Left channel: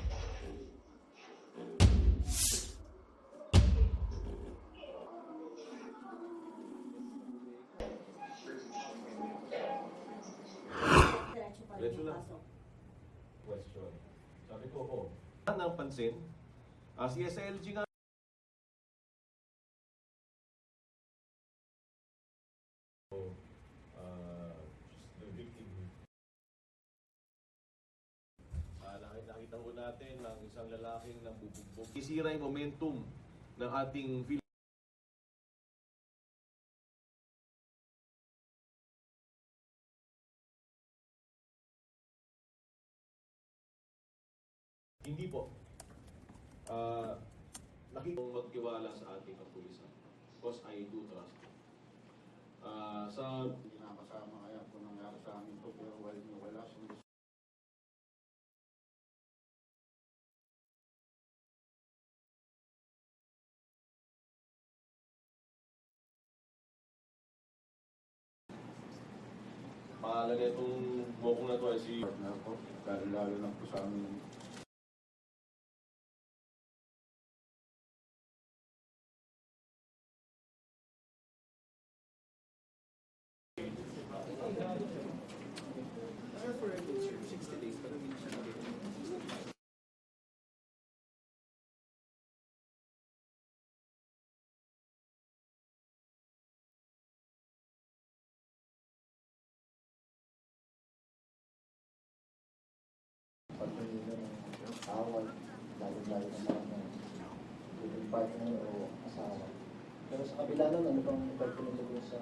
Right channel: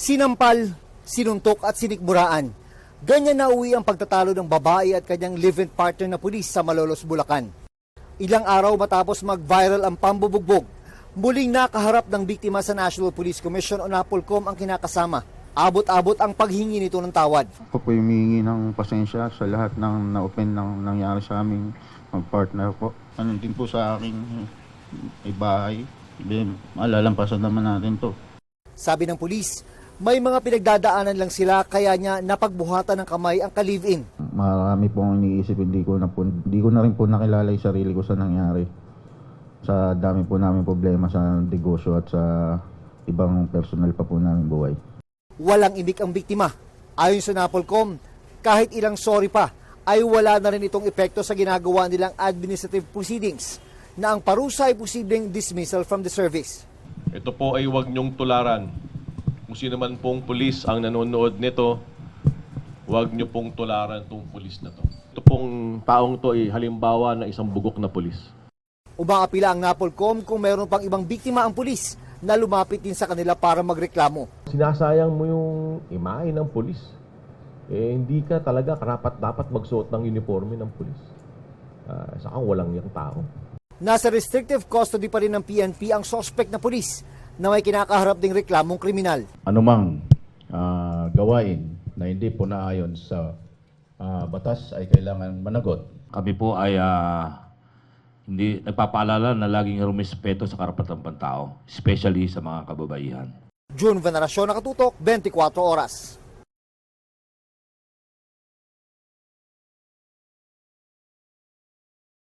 Sinampal, sinuntok at sinikmuraan. Ganyan na uwi ang pagtatalo ng babae at kanyang live-in partner na pulis sa Malolos, Bulacan. Ilang araw matapos mag-viral ang pambubugbog, muling nakaharap ng biktima sa National Police Commission o NAPOLCOM ang kinakasama. Abot-abot ang paghingi nito ng tawad. Ako po humihingi ng pasensya sa lahat ng na-open ng nangyari sa aming mag-partner po. Ano din po sa aking bahay, malalampasan naman natin to. Sabi ng pulis, may mga pinagdadaanan lang sila kaya niya napagbuhatan ng kamay ang ka-live-in. Marami pong iniisip, hindi ko na rin po nakilala yung sarili ko sa nangyari. Sa dami po namin problema sa negosyo at sa ibang personal pa po namin buhay. Walang imik ang biktima. Ayon sa NAPOLCOM, kahit ilang sorry pa, ay wala na rin itong epekto sa ginagawa nilang administrative proceedings na ang parusa ay posibleng dismissal from the service. Ito po ay huwag niyong tularan. Kung sino man pong pulis ang nanonood nito, huwag niyo pong tularan itong pulis na to. Ito pong taong to ay halimbawa na isang bugok na pulis. Umaapila ang NAPOLCOM kung mayroon pang ibang biktima ang pulis na lumapit din sa kanila para magreklamo. Sinasayang mo yung imahe ng pulis. Hindi ka talaga karapat-dapat magsuot ng uniforme ng pulis. Saka walang yung tao. Nasa restrictive custody pa rin ng PNP ang suspect na pulis na may kinakaharap ding reklamong kriminal. Anumang gawain na hindi po naayon sa batas ay kailangan managot. Kami po ay hindi nagpapaalala na laging rumispeto sa karapatang pantao, especially sa mga kababaihan. June Veneracion, Nakatutok, 24 Oras. Pero sa kabila nun, ano bang epekto nito sa